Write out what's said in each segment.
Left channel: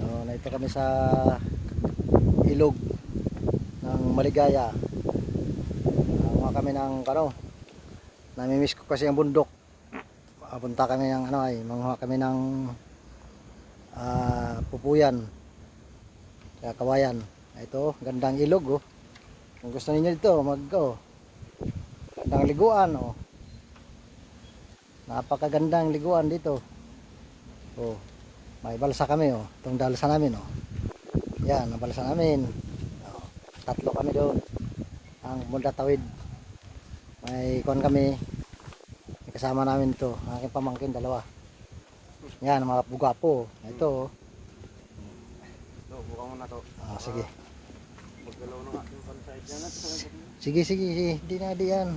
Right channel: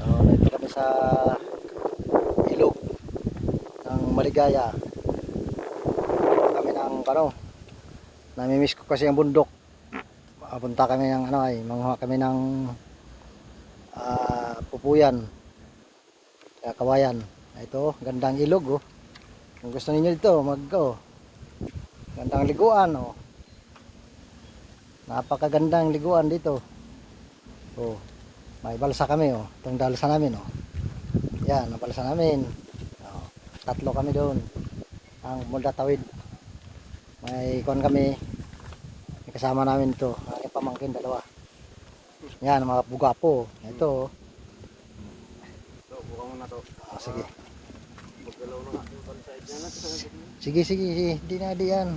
Nandito kami sa ilog ng Maligaya. Kami ng namimiss ko kasi ang bundok. Punta kami ng manguha kami ng pupuyan, kaya kawayan. Ito, gandang ilog oh. Kung gusto niyo dito, gandang liguan oh. Napakagandang liguan dito. Oh, may balsa kami oh. Itong dalsa namin oh. Yan, ang balsa namin. Oh, tatlo kami doon. Ang munda tawid. May kami. May kasama namin ito. Aking pamangkin dalawa. Yan, mga bugapo. Ito oh. Sige. Sige. Hindi na diyan.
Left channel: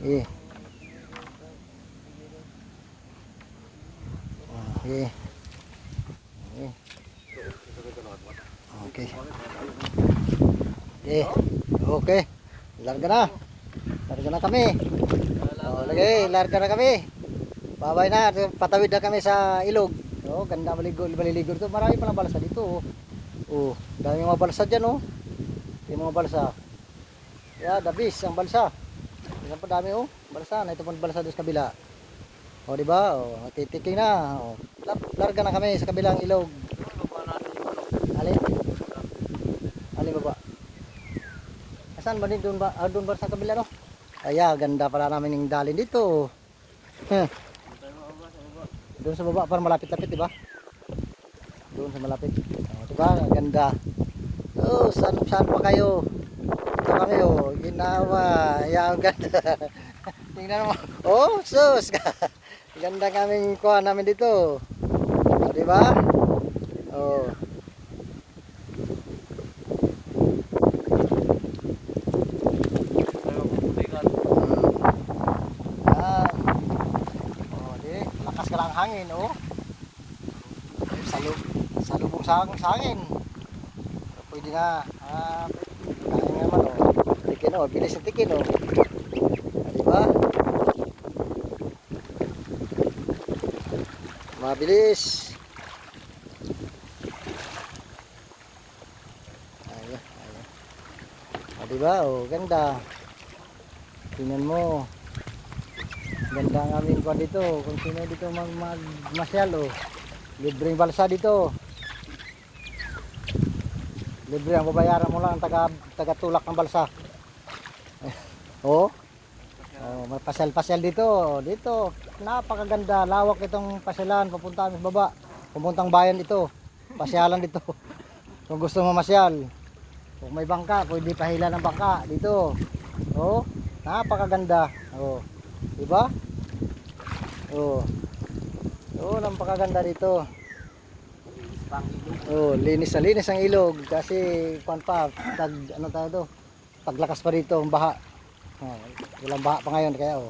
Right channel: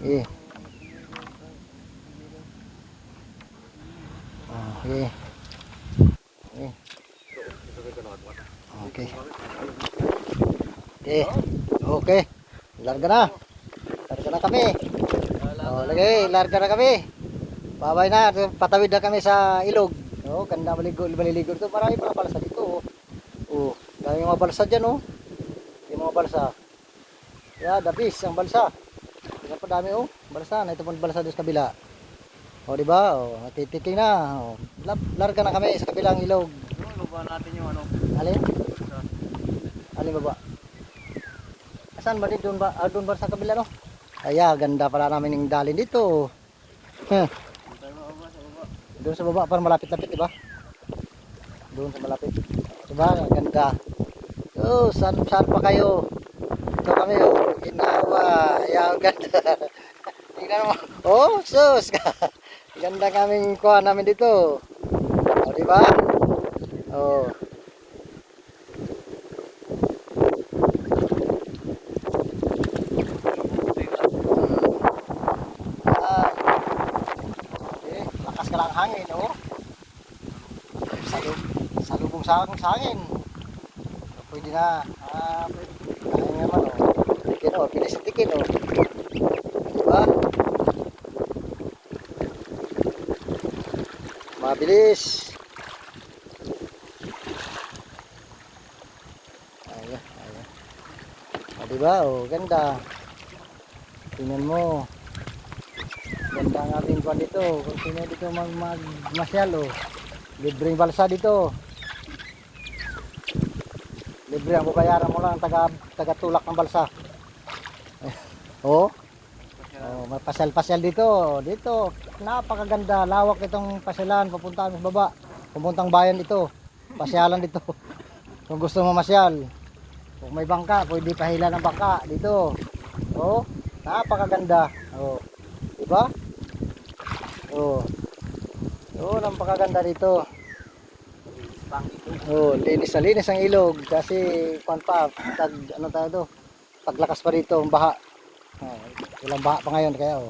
Eh. Okay. Okay. Larga na kami. Larga na kami. Babay na, patawid na kami sa ilog. Oh, ganda maliligo dito. Marami pa balsa dito. Oh, dami mga balsa diyan oh. Yung mga balsa. Yeah, dabis ang balsa. Tingnan pa dami oh, balsa. Na ito pang balsa doon sa kabila. O di ba? O, matitiking na. O, larga na kami sa kabilang ilog. Baba natin yung ano. Alin baba? Asan ba din doon ba? Doon ba sa kabila no? Ay, ganda pala namin yung dalin dito. Doon sa baba para malapit-lapit, di ba? Doon sa malapit. Ito ba? Ganda. Oh, saan pa kayo? Ito kami oh. Ginawa. Ayan, ganda. Tingnan mo. Oh, sus. Ganda kaming kuha namin dito. O, di ba? Oh. Lakas ka lang hangin, oh. Salubong sa hangin. Pwede na. Pwede naman, oh. Tikin, oh. Bilis ang tikin, oh. Di ba? Mabilis. Ayan. O, diba? O, ganda. Tingnan mo. Ganda ang aming kwan dito. Kung sino dito magmasyal, o. Libreng balsa dito. Libre ang babayaran mo lang taga-tulak ng balsa. O. May pasyal-pasyal dito. Dito, napakaganda. Lawak itong pasyalan. Papunta sa baba. Papuntang bayan ito. Pasyalan dito. Kung gusto mo masyal. Kung may bangka, pwede pahila ng bangka dito. Oh, napakaganda. Oh. Diba? Oh. Oh, napakaganda dito. Oh, linis ang ilog kasi paglakas pa dito ang baha. Oh, walang baha pa ngayon kaya oh.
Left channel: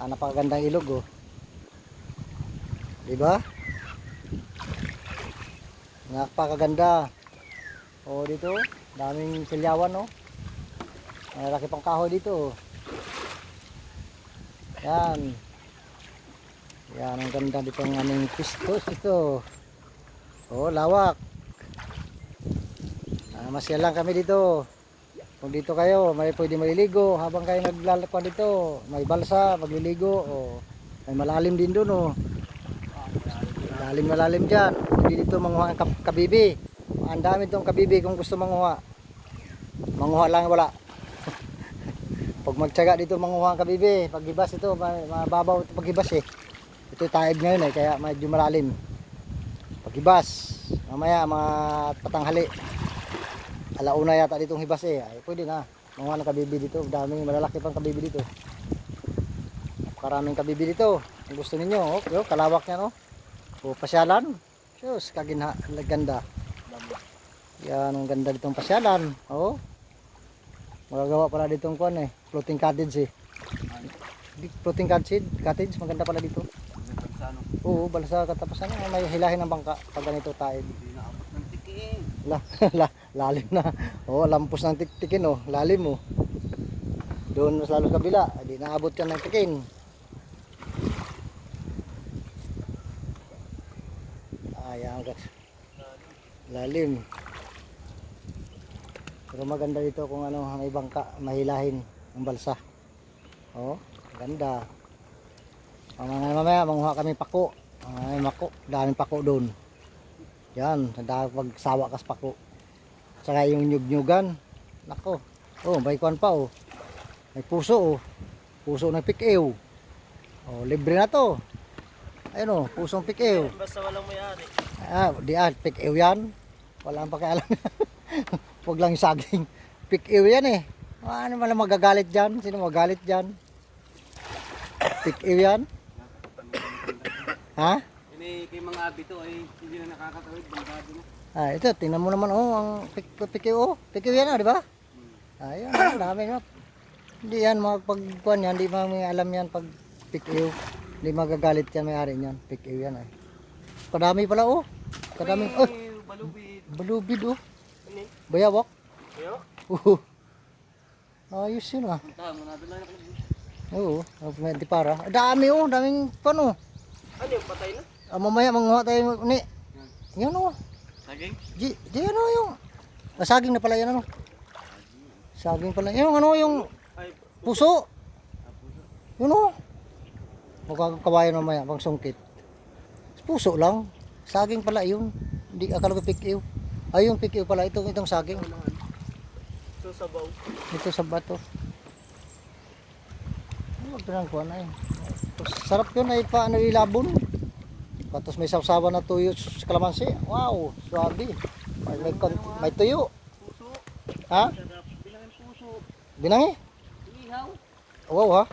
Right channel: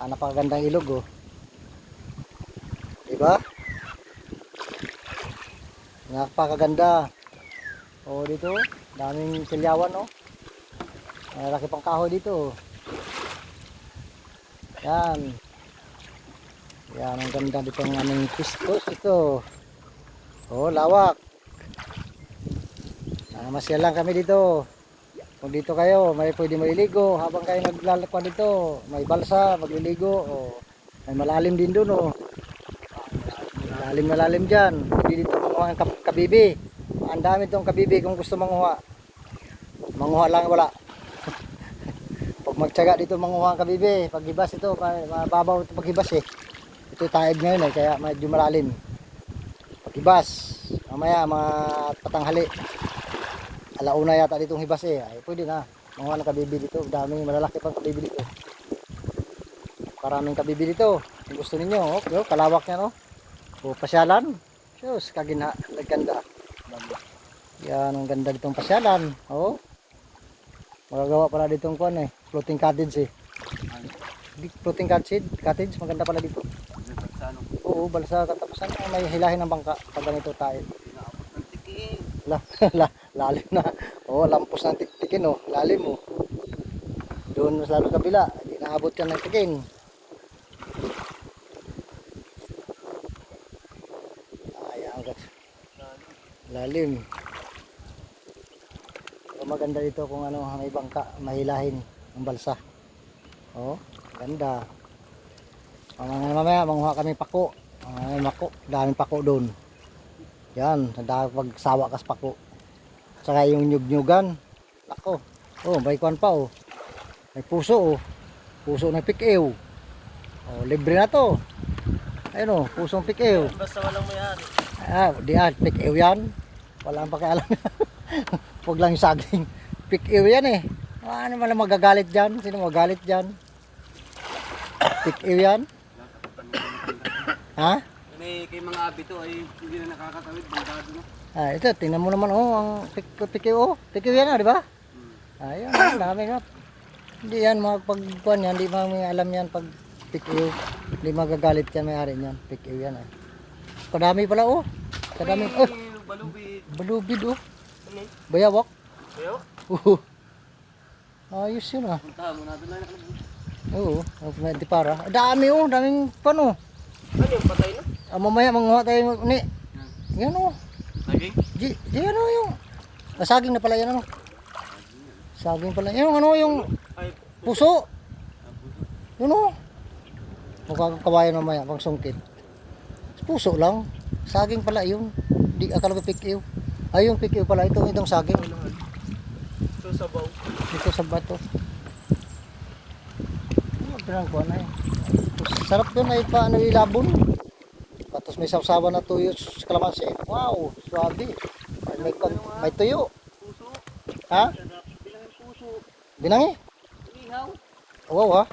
Napakagandang ilog oh. Diba? Napakaganda. Oh, dito, daming silyawan oh. Malaki pang kahoy dito. Yan. Yan ang ganda dito ng aming pistos ito. Oh, lawak. Masya lang kami dito. Kung dito kayo, may pwede mailigo habang kayo naglalakad dito. May balsa, magliligo. Oh. May malalim din doon. Oh. Malalim dyan. Pwede dito manguha ng kabibi. Ang dami itong kabibi kung gusto manguha. Manguha lang wala. Pag magtyaga dito manguha ng kabibi. Paghibas ito, mababaw ito paghibas eh. Ito taed ngayon eh, kaya medyo malalim. Paghibas. Mamaya mga patanghali. Alauna yata ditong hibas eh. Ay, pwede na. Manguha ng kabibi dito. Daming malalaki pang kabibi dito. Napakaraming kabibi dito. Kung gusto ninyo, okay, kalawak niya no. O pasyalan. Diyos, ganda. Yan ang ganda ditong pasyalan. Oh. Magagawa pala ditong kuan eh. Floating cottage eh. Floating cottage, maganda pala dito. Oo, balsa katapasan. May hilahin ng bangka pag ganito tayo. Lalim na. Oh, lampos ng tikin oh, lalim oh. Doon sa lalo kabila, hindi naabot yan ng tikin. Ayan, Lalim. Pero maganda dito kung ano, may bangka, mahilahin ang balsa. Oh, ganda. Mamaya manguha kami pako. Mako, daming pako doon. Yan, pagsawa kas pako. Saka yung nyug-nyugan. Nako. Oh, may kwan pa oh. May puso oh. Puso na pik-ew. Oh, libre na to. Ayun oh, pusong pik-ew. Basta walang may-ari. Di pik-ew yan. Walang pakialam. Huwag lang yung saging. Pik-ew yan eh. Ano man lang magagalit dyan? Sino magagalit dyan? Pik-ew yan. Ha? Kay mga abi to ay hindi na nakakatawid. Bangkado na. Ito, tingnan mo naman oh, ang pik-ew oh. Pik-ew yan di ba? Ayan, dami nga. Hindi yan magpagkuhan yan. Hindi may alam yan pag pik-ew. Hindi magagalit yan may-ari niyan. Pik-ew yan. Kadami pala oh. Kadami. Oh. Balubid. Balubid oh. Ano? Bayawak. Bayawak? Ayos yun ah. Puntahan mo natin lang nakalagay. Oo, di para. Dami oh, daming pano. Ano yung patay na? Mamaya manguha tayo ni. Yan oh. Saging? Di ano yung saging na pala yan ano. Saging pala. Yung ano yung Ay, puso. Yun oh. Magkakawayan mamaya pang sungkit. Puso lang. Saging pala yun. Di akala ko pik-ew. Ay yung pik-ew pala itong saging. ito sa baw. Ito sa bato. Pinang kuha na yun. Sarap yun ay paano ilabon. Tapos may sawsawan na tuyo sa kalamansi. Wow, swabe. May tuyo. Puso. Ha? Bilangan puso. Binangi? Ihaw. Wow ha.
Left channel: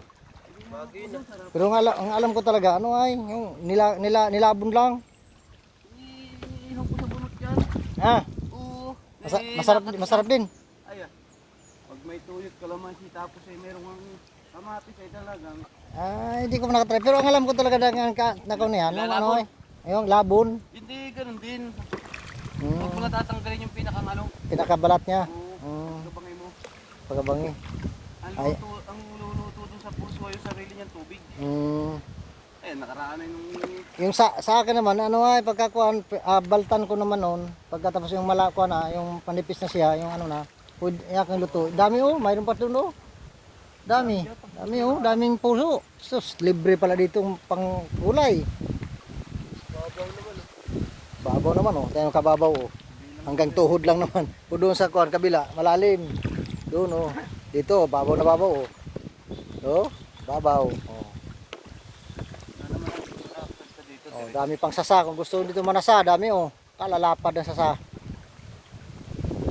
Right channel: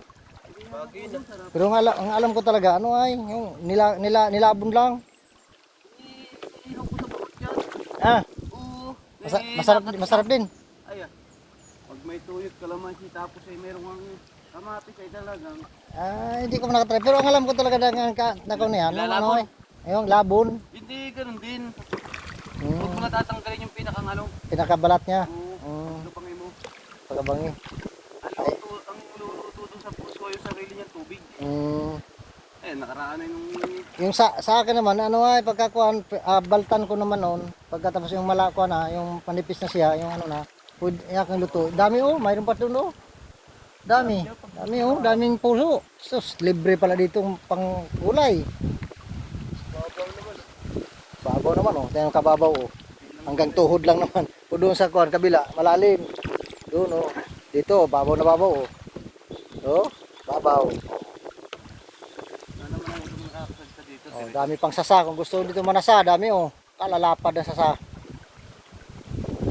Bagay na. Pero ang alam ko talaga, ano ay, yung nilabon lang. Ihaw ko sa burot yan. Ah, Oo. masarap din. Ay pag may tuyot kalamansi tapos ay merong kamatis ay talagang. Hindi ko nakatry. Pero ang alam ko talaga na kung yan, ano ay, yung labon. Hindi, ganun din. Hmm, Huwag mo na tatanggalin yung pinakang ano. pinakabalat niya. Oo. Lubangin mo. Pagabangi. Ay. Ang luluto dun sa puso yung sarili niyang tubig. Nakaraan na Yung sa akin naman, ano ay, pagkakuan, baltan ko naman noon, pagkatapos yung malakuan na, yung panipis na siya, yung ano na, pwede yung luto. Dami oh, mayroon pa doon oh. Dami oh, daming puso. Sus, libre pala dito pang gulay. Babaw naman oh, tayo kababaw oh. Hanggang tuhod lang naman. O doon sa kuan kabila, malalim. Doon oh. Dito, babaw na babaw oh. Oh, babaw. Oh, dami pang sasa. Kung gusto dito manasa, dami oh. Kalalapad na sasa.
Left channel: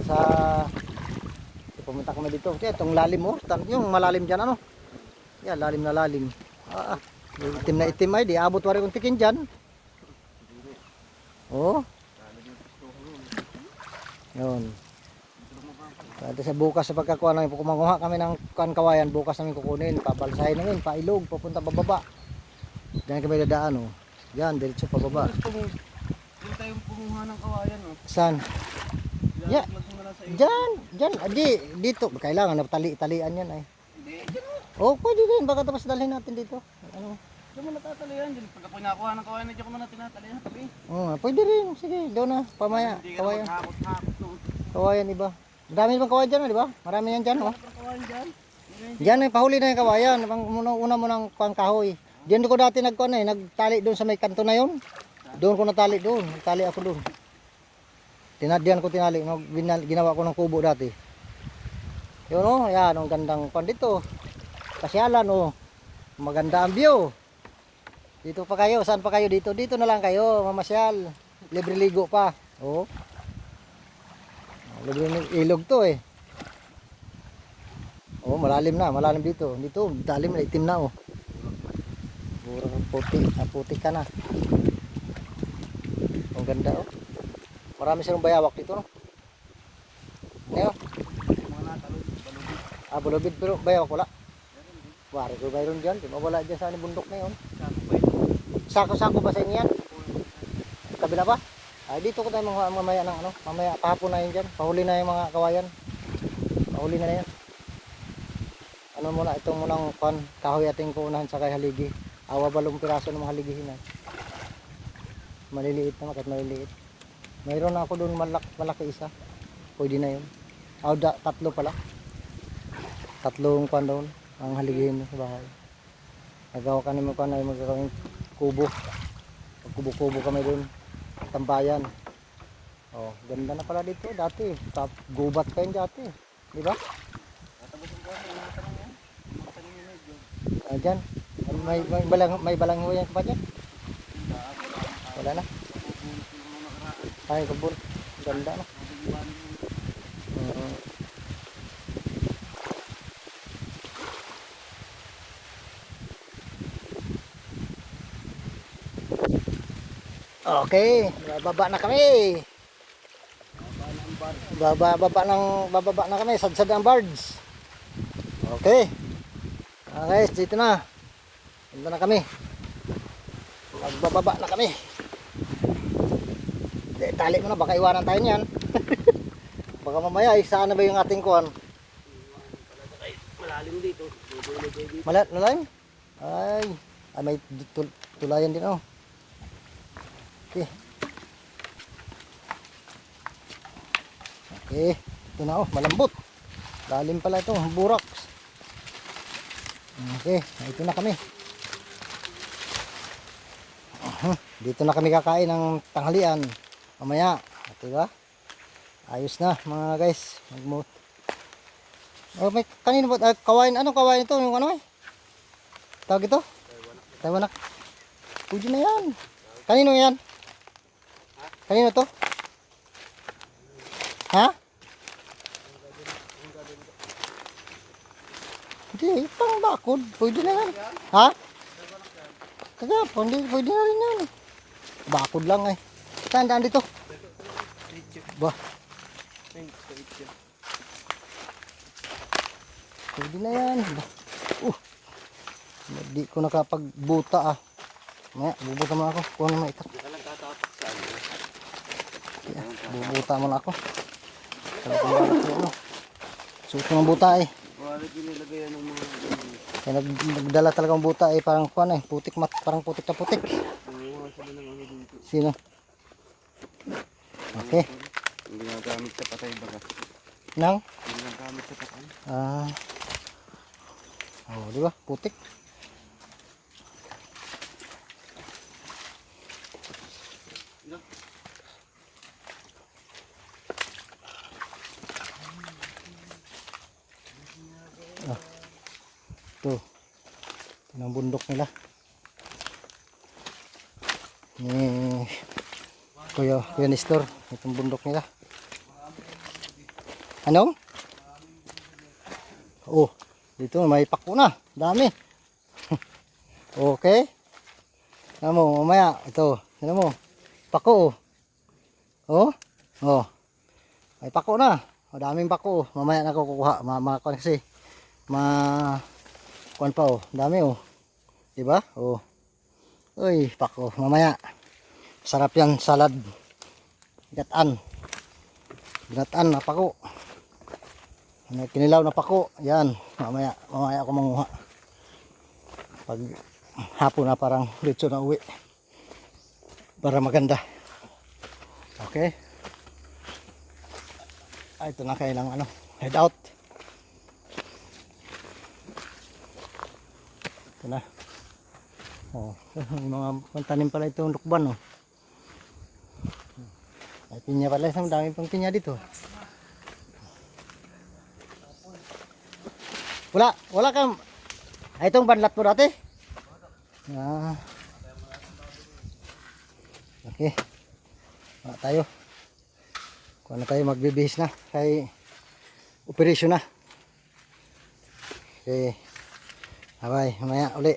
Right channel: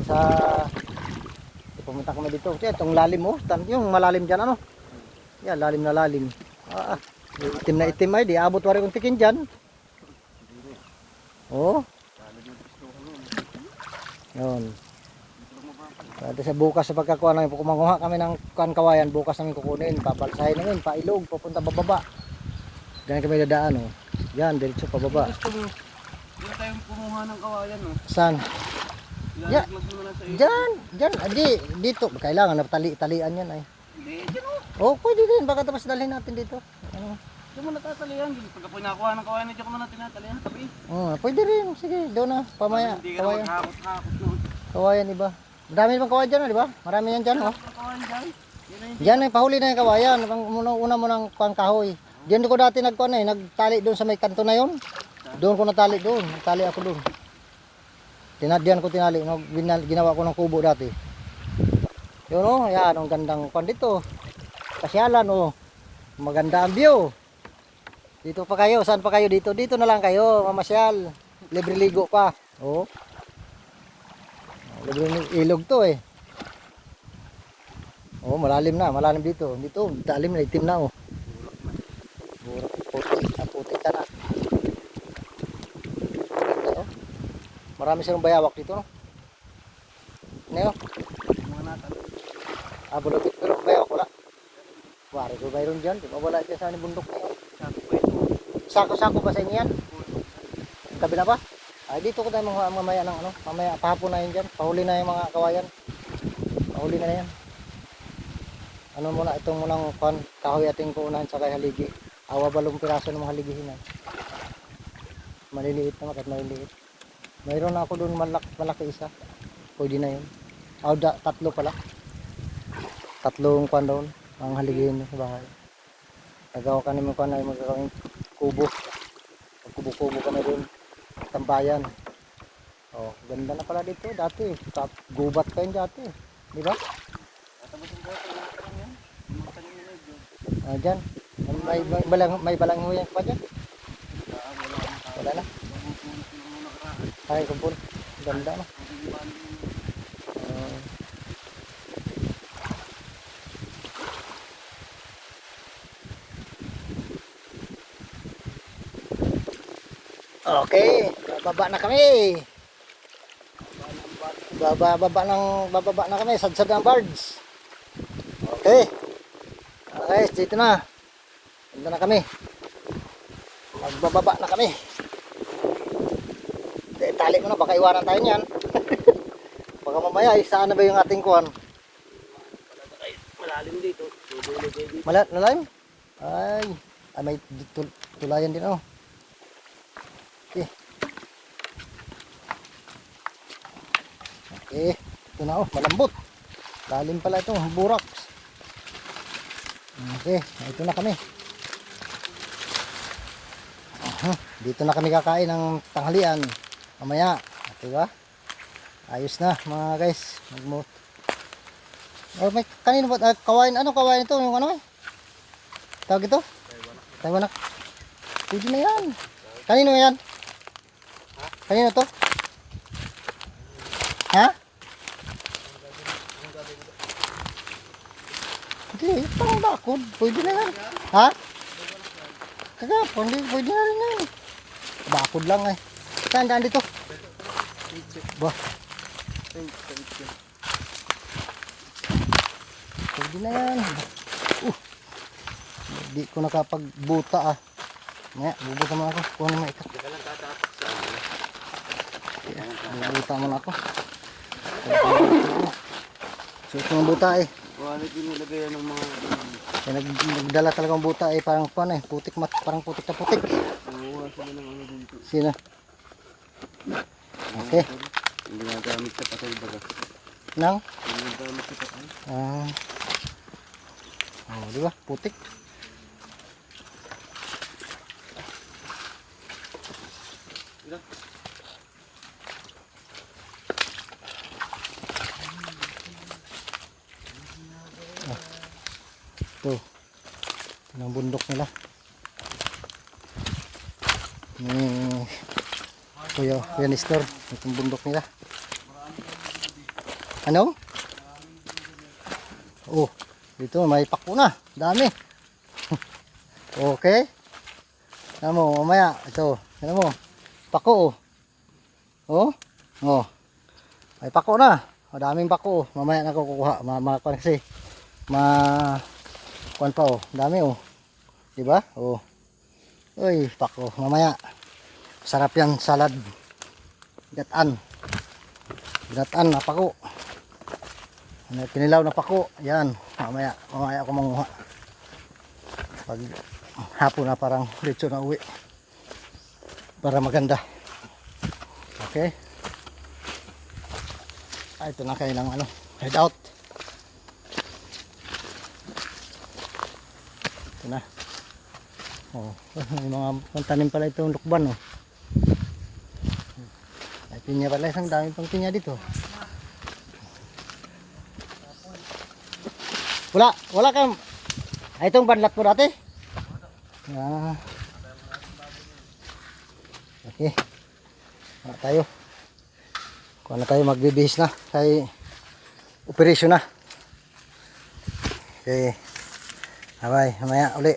Sa pumunta kami dito. Itong lalim oh. Yung malalim dyan ano. Yan, lalim na lalim. Itim na itim ay. Di abot wari kong tikin dyan. Oh. Yun. At sa bukas sa pagkakuha namin, kumanguha kami ng kawayan, bukas namin kukunin, pabalsahin namin, pailog, papunta bababa. Diyan kami dadaan oh. Yan, diretso pababa. Diyan tayong kumuha ng kawayan oh. Saan? Yeah. Diyan, dito. Kailangan na talian yan ay. Hindi, dyan Oh, oh. pwede din. Baka tapos dalhin natin dito. Ano? Diyan mo natatalian. Pagka po nakuha ng kawayan, diyan ko na tinatalian. Tabi. Pwede rin. Sige, doon na. Pamaya. Hindi ka na Kawayan. maghakot-hakot noon. Kawayan iba. Dami bang kawayan dyan, di ba? Marami yan dyan, oh. Ang kawayan dyan. Diyan eh, pahuli na yung kawayan. Una mo ng kahoy. Diyan ko dati nagtali doon sa may kanto na yun. Doon ko natali doon. Nagtali ako doon. Diyan ko tinali. Ginawa ko ng kubo dati. Yun oh, yan. Ang gandang kwan dito. Pasyalan oh. Maganda ang view. Dito pa kayo. Saan pa kayo dito? Dito na lang kayo. Mamasyal. Libre ligo pa. Oh. Libre ilog to eh. Oh, malalim na. Malalim dito. Dito, dalim na. Itim na oh. Puti ka na. Ganda oh. Marami silang bayawak dito no. Ngayon. Bulabid pero bayawak wala. Wari ko mayroon dyan. Di ba wala dyan sa bundok na yun. Sako-sako ba sa inyo yan? Kabila pa? Ay dito ko tayo mamaya ng ano. Mamaya kahapon na yun dyan. Pahuli na yung mga kawayan. Pahuli na yan. Ano muna itong munang kahoy ating kuunahan sa kay haligi. Awa balong piraso ng mga haligihin na. Maliliit naman kahit maliliit. Mayroon ako doon malaki isa. Pwede na yun. Tatlo pala. Tatlong kwan doon. Ang haligin sa bahay. Nagawa ka naman kwan ay magkakawing kubo. Kubo-kubo kami doon. Tambayan. Oh, ganda na pala dito dati. Gubat kayo dati. Di ba? Tatapos ang buwan, mga tanong yan. Mga tanong yun eh, John. Ah, dyan. May balang ho yan pa dyan. Wala na. Mabubulit ko lang nakaraan. Ay, kumpul. Ganda na. Mabubulit ko lang. Okay, bababa na kami. Bababa na kami, sadsad ng birds. Okay. Guys, dito na. Dito na kami. Nagbababa na kami. Tali mo na, baka iwanan tayo niyan. Baka mamaya, saan na ba yung ating kuhan? Malalim dito. Dudulo kayo dito. Malalim? Ay, may tulayan din oh. Okay. Okay, ito na oh, malambot. Lalim pala ito, burak. Okay, ito na kami. Dito na kami kakain ng tanghalian. Mamaya, diba? Ayos na mga guys. May kanino ba? Kawain, ano kawain ito? Yung ano eh? Tawag ito? Taiwanak. Pwede na yan. Kanino yan? Kanino to? Ha? Hindi, parang bakod. Pwede na yan. Ha? Kagapon, pwede na rin yan. Bakod lang eh. Saan daan dito? Bah. Pwede na yan. Hindi ko nakapagbuta ah. Maya, bubuta mo ako. Kuha naman ito. Bubuta mo na ako. Suot yung buta eh. Wala pinilagay ng mga... Nagdala talagang buta eh. Parang kuha eh. Putik mat. Parang putik na putik. Nanguha sila ng ano dito. Sino? Okay. Yung ginagamit sa patay baga. Nang? Yung ginagamit sa patay. Oh, di ba? Putik. Ito ang bundok nila ni Kuya Nestor. Itong bundok nila. Ano? Oh, dito may pako na. Dami. Okay. Ano mo, mamaya ito. Ano mo? Pako. Oh. Oh. May pako na. Madaming pako. Mamaya na ko kukuha. Mamakuha kasi. Kuan pa oh, dami oh. 'Di ba? Oh. Uy, pako mamaya. Sarap 'yan salad. Gatan. Gatan na pako. Ano kinilaw na pako. 'Yan, mamaya ako manguha. Pag hapon na parang diretso na uwi. Para maganda. Okay? Ito na kailang ano, head out. Ito na. Oh, may mga tanim pala itong lukban oh. Ay pinya pala, isang dami pang pinya dito. Wala kang itong banlat mo dati? Ah. Okay. Wala tayo. Kuha na tayo, magbibihis na kay operasyon na. Okay. Bye, mamaya uli.